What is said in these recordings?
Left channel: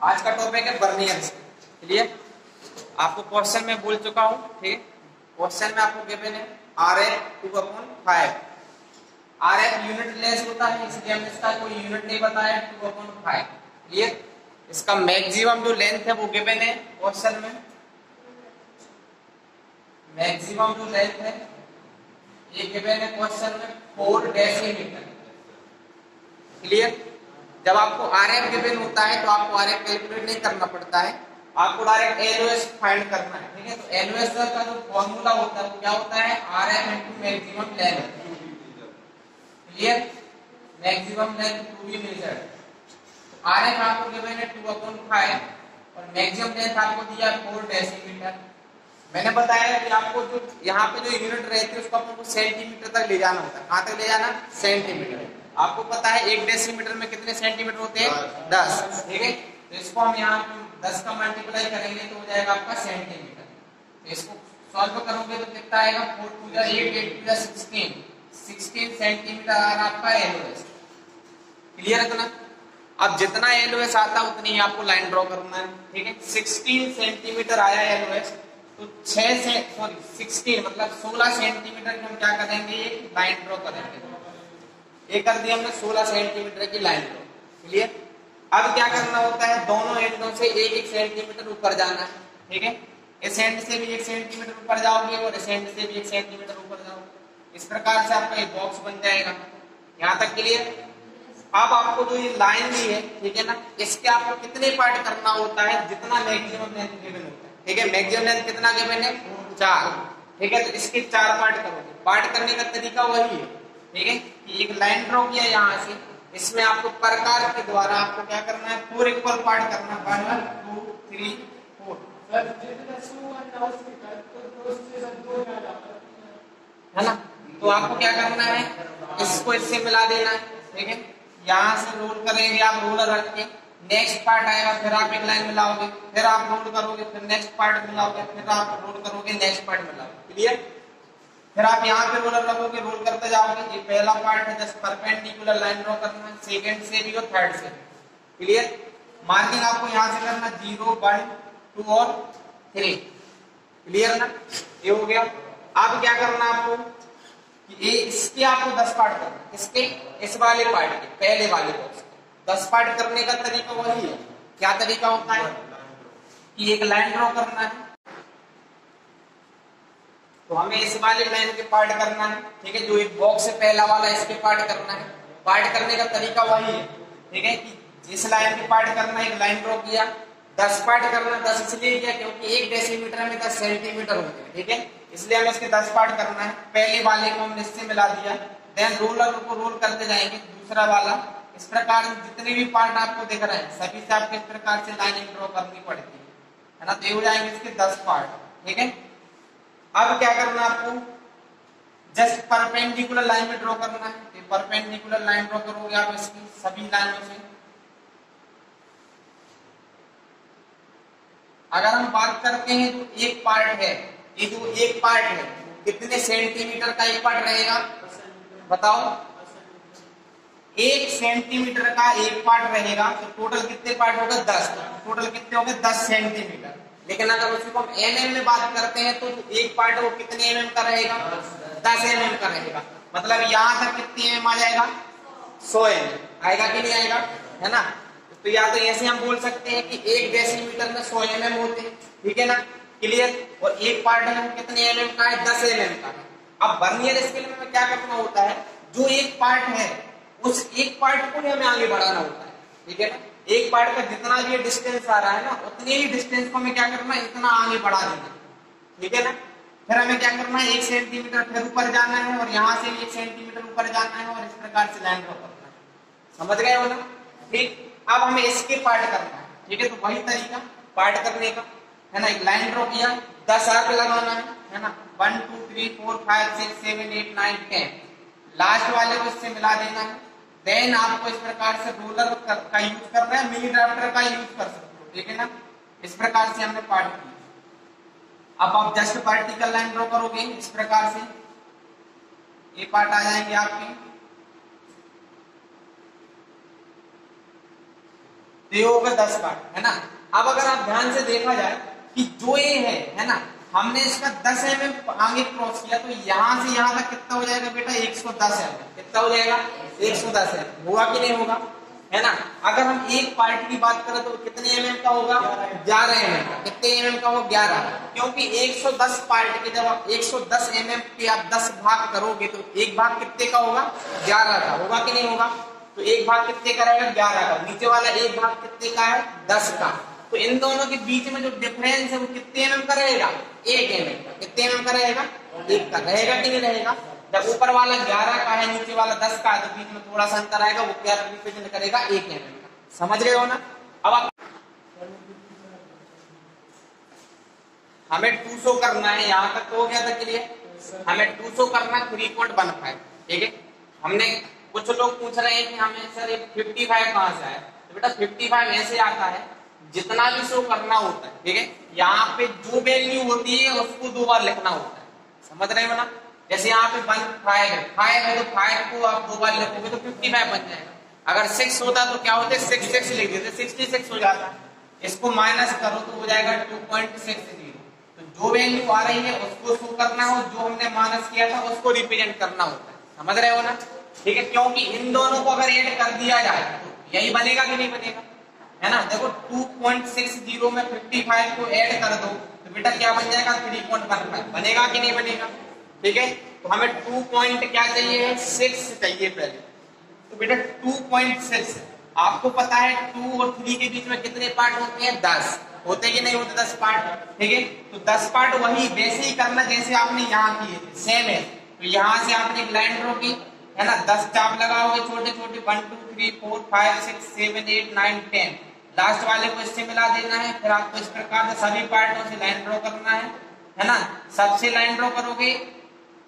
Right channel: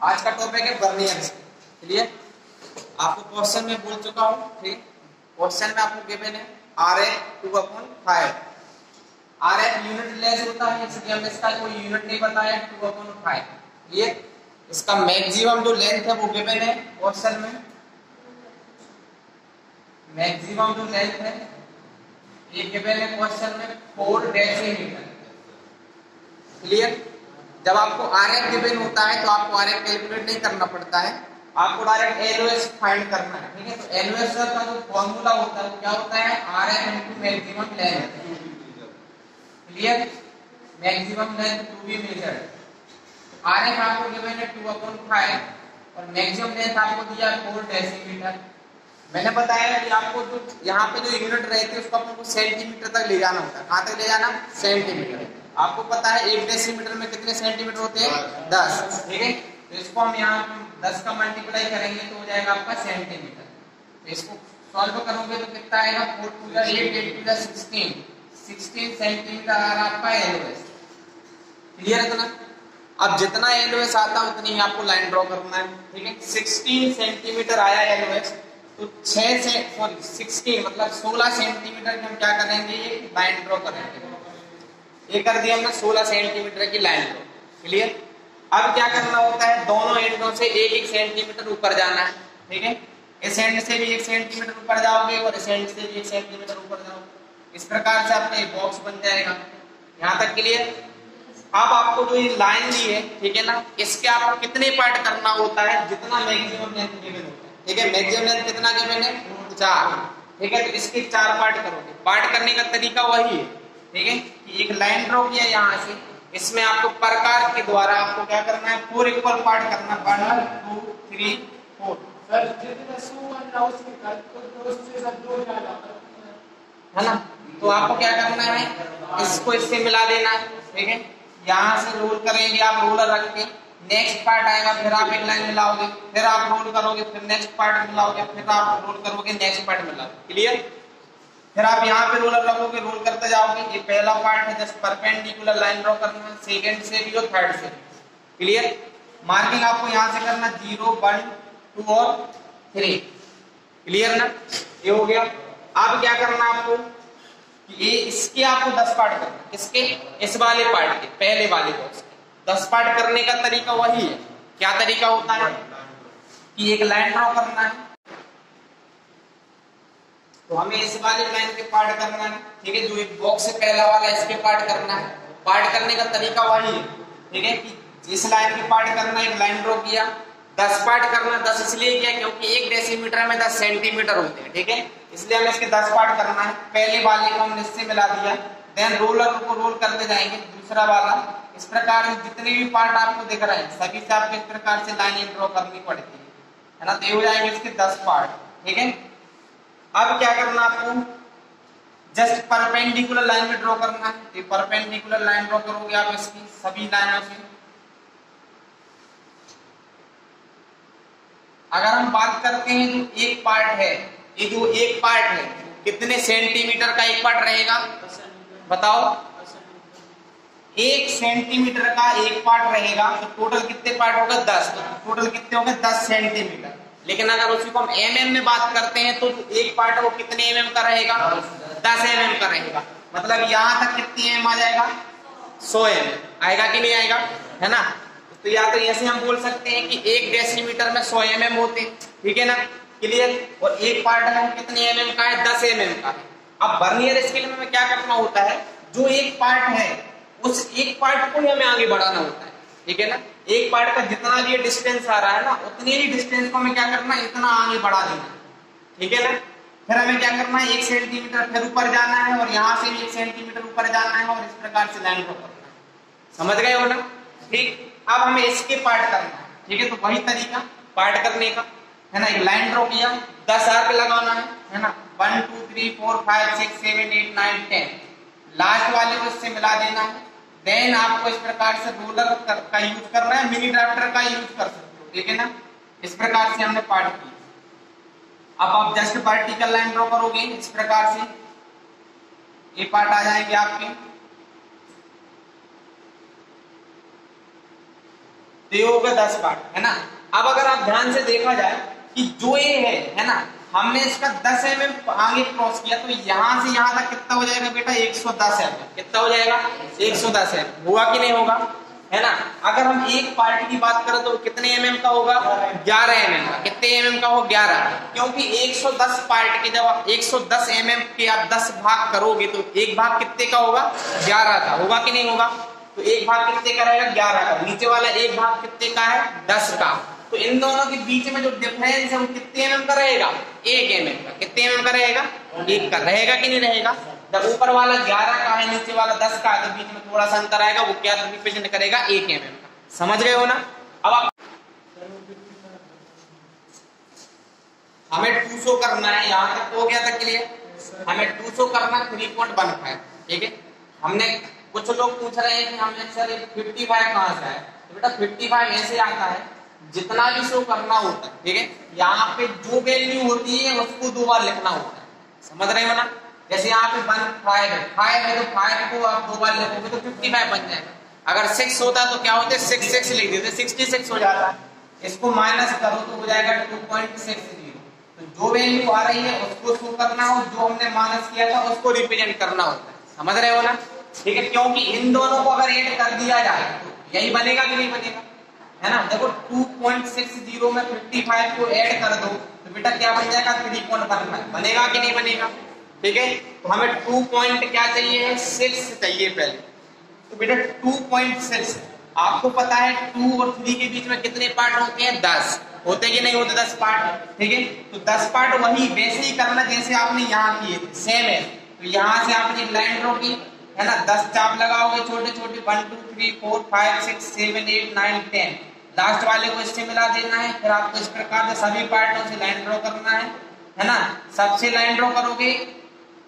आज का टॉपिक है वर्नियर स्केल। क्लियर? आपको क्वेश्चन में बोल चुका हूं, ठीक है। क्वेश्चन में आपको गिवन है RF 2/5। RF यूनिट लेस होता है, इसलिए हमने इसका कोई यूनिट नहीं बताया, 2/5। क्लियर? इसका मैक्सिमम जो लेंथ है वो गिवन है क्वेश्चन में। मैक्सिमम जो लेंथ है ये गिवन है क्वेश्चन में 4 डेसीमीटर। क्लियर? जब आपको RF गिवन होता है तो आपको RF कैलकुलेट नहीं करना पड़ता है, आपको डायरेक्ट LOS फाइंड करना है, ठीक है। तो LOS का जो फॉर्मूला होता है वो क्या होता है, RF into maximum length. Clear? Maximum length to be measured. RF आपको गिवन है 2/5 और मैक्सिमम लेंथ आपको दिया 4 डेसीमीटर। मैंने बताया कि आपको जो यहाँ पे जो यूनिट रहती है उसको आपको सेंटीमीटर तक ले जाना होता है। कहाँ तक ले जाना? सेंटीमीटर। आपको पता है 1 डेसीमीटर में कितने सेंटीमीटर होते हैं? 10। ठीक है, तो इसको हम यहाँ 10 का मल्टीप्लाई करेंगे तो हो जाएगा आपका सेंटीमीटर। तो इसको सॉल्व करोगे तो कितना आएगा? 4 2 जा 8 8 2 जा 16 सेंटीमीटर आ रहा आपका LOS। क्लियर है? ना अब जितना LOS आता है उतनी ही आपको लाइन ड्रॉ करना है, ठीक है। 16 सेंटीमीटर आया LOS, तो 16 मतलब 16 सेंटीमीटर की हम क्या करेंगे, लाइन ड्रॉ करेंगे। ये कर दिया हमने 16 सेंटीमीटर की लाइन ड्रॉ। क्लियर? अब क्या करना होता है, दोनों एंडों से 1 सेंटीमीटर ऊपर जाना है, ठीक है। इस एंड से भी 1 सेंटीमीटर ऊपर जाओगे और इस एंड से भी 1 सेंटीमीटर ऊपर जाओगे। इस प्रकार से आपका एक बॉक्स बन जाएगा। यहाँ तक क्लियर? अब आपको जो ये लाइन दी है, ठीक है ना, इसके आपको कितने पार्ट करना होता है, जितना मैक्सिमम लेंथ गिवन होता है, ठीक है। मैक्सिमम लेंथ कितना गिवन है? 4। ठीक है, तो इसके 4 पार्ट करोगे। पार्ट करने का तरीका वही है, ठीक है। एक लाइन ड्रॉ किया यहाँ से, इसमें आपको प्रकार के द्वारा आपको क्या करना है, 4 इक्वल पार्ट करना। 1 2 3 4 है ना। तो आपको क्या करना है, इसको इससे मिला देना है, ठीक है। यहाँ से रोल करेंगे आप, रोलर रख के नेक्स्ट पार्ट आएगा, फिर आप एक लाइन मिलाओगे, फिर आप रोल करोगे, फिर नेक्स्ट पार्ट मिलाओगे, फिर आप रोल करोगे, नेक्स्ट पार्ट मिलाओगे। क्लियर? फिर आप यहाँ पे रोलर रखोगे, रोल करते जाओगे। ये पहला पार्ट है, जस्ट परपेंडिकुलर लाइन ड्रॉ करना है, सेकंड से भी और थर्ड से। क्लियर? मार्किंग आपको यहाँ से करना 0 1 2 और 3। क्लियर ना? ये हो गया। अब क्या करना आपको, ये इसके आपको 10 पार्ट करना। किसके? इस वाले पार्ट के, पहले वाले बॉक्स के 10 पार्ट करने का तरीका वही है। क्या तरीका होता है कि एक लाइन ड्रॉ करना है, तो हमें इस वाले लाइन के पार्ट करना है, ठीक है। जो एक बॉक्स से पहला वाला, इसके पार्ट करना है। पार्ट करने का तरीका वही है, ठीक है, कि इस लाइन के पार्ट करना, एक लाइन ड्रॉ किया, 10 पार्ट करना। 10 इसलिए किया क्योंकि 1 डेसीमीटर में 10 सेंटीमीटर होते हैं, ठीक है। इसलिए हमें इसके 10 पार्ट करना है। पहले वाले को हमने इससे मिला दिया, देन रोलर को रोल करते जाएंगे, दूसरा वाला। इस प्रकार से जितने भी पार्ट आपको दिख रहे हैं सभी से आपको इस प्रकार से लाइन ड्रॉ करनी पड़ती है ना। तो हो जाएंगे इसके 10 पार्ट, ठीक है। अब क्या करना आपको, जस्ट परपेंडिकुलर लाइन में ड्रॉ करना है। ये परपेंडिकुलर लाइन ड्रॉ करोगे आप इसकी सभी लाइनों से। अगर हम बात करते हैं जो एक पार्ट है, ये जो एक पार्ट है कितने सेंटीमीटर का एक पार्ट रहेगा, बताओ? 1 सेंटीमीटर का एक पार्ट रहेगा, तो टोटल कितने पार्ट होगा? 10। तो टोटल कितने हो गए? 10 सेंटीमीटर। लेकिन अगर उसी को हम mm में बात करते हैं तो एक पार्ट वो कितने mm का रहेगा? 10 mm का रहेगा। मतलब यहाँ तक कितनी mm आ जाएगा? 100 mm आएगा कि नहीं आएगा, है ना। तो या तो ऐसे हम बोल सकते हैं कि 1 डेसीमीटर में 100 mm होते, ठीक है ना। क्लियर? और एक पार्ट है कितने mm का है? 10 mm का है। अब वर्नियर स्केल में क्या करना होता है, जो एक पार्ट है उस एक पार्ट को ही हमें आगे बढ़ाना होता है, ठीक है ना। एक पार्ट का जितना भी डिस्टेंस आ रहा है ना, उतने ही डिस्टेंस को हमें क्या करना है, इतना आगे बढ़ा देना, ठीक है ना। फिर हमें क्या करना है, 1 सेंटीमीटर फिर ऊपर जाना है, और यहाँ से भी 1 सेंटीमीटर ऊपर जाना है, और इस प्रकार से लाइन ड्रॉ करना है। समझ गए हो ना? ठीक। अब हमें इसके पार्ट करना है, ठीक है। तो वही तरीका पार्ट करने का है ना। एक लाइन ड्रॉ किया, 10 आर्क लगाना है ना। 1 2 3 4 5 6 7 8 9 10 लास्ट वाले को इससे मिला देना है। देन आपको इस प्रकार से रोलर का यूज करना है, मिनी ड्राफ्टर का यूज कर सकते हो, ठीक है ना। इस प्रकार से हमने पार्ट किया। अब आप जस्ट वर्टिकल लाइन ड्रॉ करोगे, इस प्रकार से ये पार्ट आ जाएंगे आपके। तो ये होगा 10 पार्ट, है ना। अब अगर आप ध्यान से देखा जाए कि जो ये है ना, हमने इसका 10 mm आगे क्रॉस किया, तो यहाँ से यहाँ तक कितना हो जाएगा बेटा 110 mm। कितना हो जाएगा 110 mm। हुआ कि नहीं होगा, है ना। अगर हम एक पार्ट की बात करें तो कितने mm का होगा 11 mm का। कितने mm का हो 11, क्योंकि 110 पार्ट के जब आप 110 mm के आप 10 भाग करोगे तो एक भाग कितने का होगा 11 का। होगा कि नहीं होगा, तो एक भाग कितने का रहेगा 11 का, नीचे वाला एक भाग कितने का है 10 का। तो इन दोनों के बीच में जो डिफरेंस है वो कितने mm का रहेगा 1 mm का। कितने mm का रहेगा 1 का। रहेगा कि नहीं रहेगा, जब ऊपर वाला 11 का है नीचे वाला 10 का है तो बीच में थोड़ा सा अंतर आएगा, वो क्या रिप्रेजेंट करेगा 1 mm का। समझ रहे हो ना। अब आप हमें 200 करना है, यहाँ तक हो गया था क्लियर। हमें 200 करना 3.15, ठीक है। हमने कुछ लोग पूछ रहे हैं कि हमने सर 55 कहाँ से है, तो बेटा 55 ऐसे आता है जितना भी शो करना होता है, ठीक है। यहाँ पे जो वैल्यू होती है उसको 2 बार लिखना होता है। समझ रहे हो ना। जैसे यहाँ पे 5 है तो 5 को आप 2 बार लिखोगे तो 55 बन जाएगा। अगर 6 होता तो क्या होते 6 लिख देते 66 हो जाता है। इसको माइनस करो तो हो जाएगा 2.60। तो जो वैल्यू आ रही है उसको शो करना हो, जो हमने माइनस किया था उसको रिप्रेजेंट करना होता है। समझ रहे हो ना, ठीक है। क्योंकि इन दोनों को अगर ऐड कर दिया जाए तो यही बनेगा कि नहीं बनेगा, है ना। देखो 2.60 में 55 को ऐड कर दो तो बेटा क्या बन जाएगा 3.15। बनेगा कि नहीं बनेगा, ठीक है। तो हमें 2 पॉइंट क्या चाहिए 6 चाहिए पहले। तो बेटा 2.6, आपको पता है 2 और 3 के बीच में कितने पार्ट होते हैं 10 होते कि नहीं होते 10 पार्ट, ठीक है। तो 10 पार्ट वही वैसे ही करना जैसे आपने यहाँ किए थे, सेम है। तो यहाँ से आपने एक लाइन ड्रॉ की, है ना, 10 चाप लगाओगे छोटे छोटे 1 2 3 4 5 6 7 8 9 10, लास्ट वाले को इससे मिला देना है। फिर आपको इस प्रकार से सभी पार्टों से लाइन ड्रॉ करना है ना। सबसे लाइन ड्रॉ करोगे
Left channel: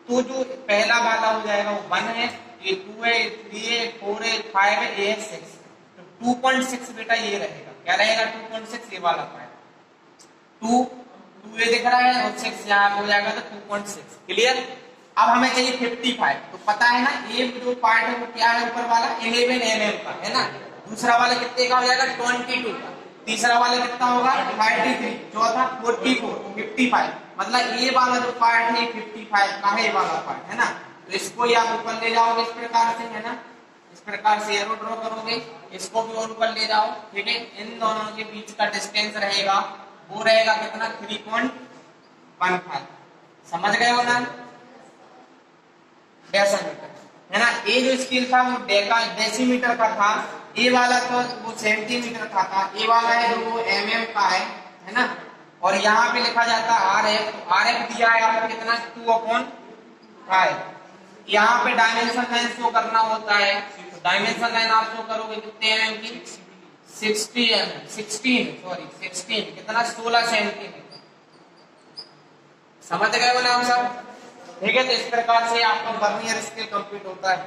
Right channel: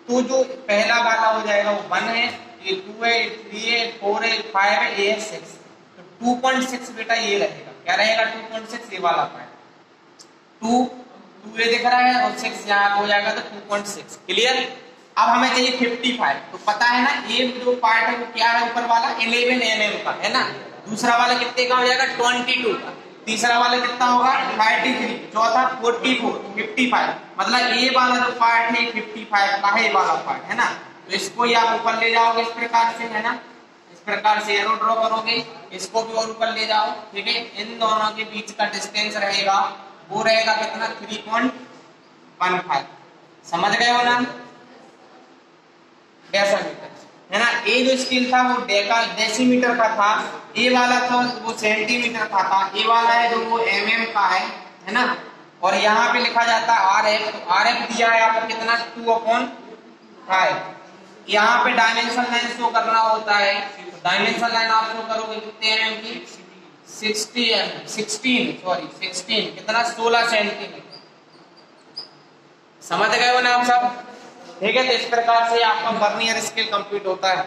तो जो पहला वाला हो जाएगा वो 1 है, ये 2 है, 3 है, 4 है, 5 है, ये 6। तो 2.6 बेटा ये रहेगा, क्या रहेगा 2.6 ये वाला पार्ट। 2 ये दिख रहा है और 6 यहाँ हो जाएगा तो 2.6। क्लियर। अब हमें चाहिए 55। तो पता है ना ये जो पार्ट है वो क्या है ऊपर वाला 11 mm का, है ना। दूसरा वाला कितने का हो जाएगा 22 का, तीसरा वाला कितना होगा 33, चौथा 44, 55। मतलब ये वाला जो पार्ट है 55 का है, ये वाला पार्ट, है ना। तो इसको ही आप ऊपर ले जाओगे इस प्रकार से, है ना। इस प्रकार से एरो ड्रॉ करोगे, इसको भी और ऊपर ले जाओ, ठीक है। इन दोनों के बीच का डिस्टेंस रहेगा वो रहेगा कितना 3.15। समझ गए हो ना, डेसीमीटर, है ना। ए जो स्केल था वो डेसीमीटर का था, ए वाला तो वो सेंटीमीटर का था, ए वाला है जो वो mm का है ना। और यहाँ पे लिखा जाता है RF। तो RF दिया है आपको कितना 2/5। यहाँ पे डायमेंशन लाइन शो करना होता है, तो डायमेंशन लाइन आप शो करोगे कितने mm की 16 कितना 16 सेंटीमीटर। समझ गए हो ना आप सब, ठीक है। तो इस प्रकार से आपका वर्नियर स्केल कंप्लीट होता है।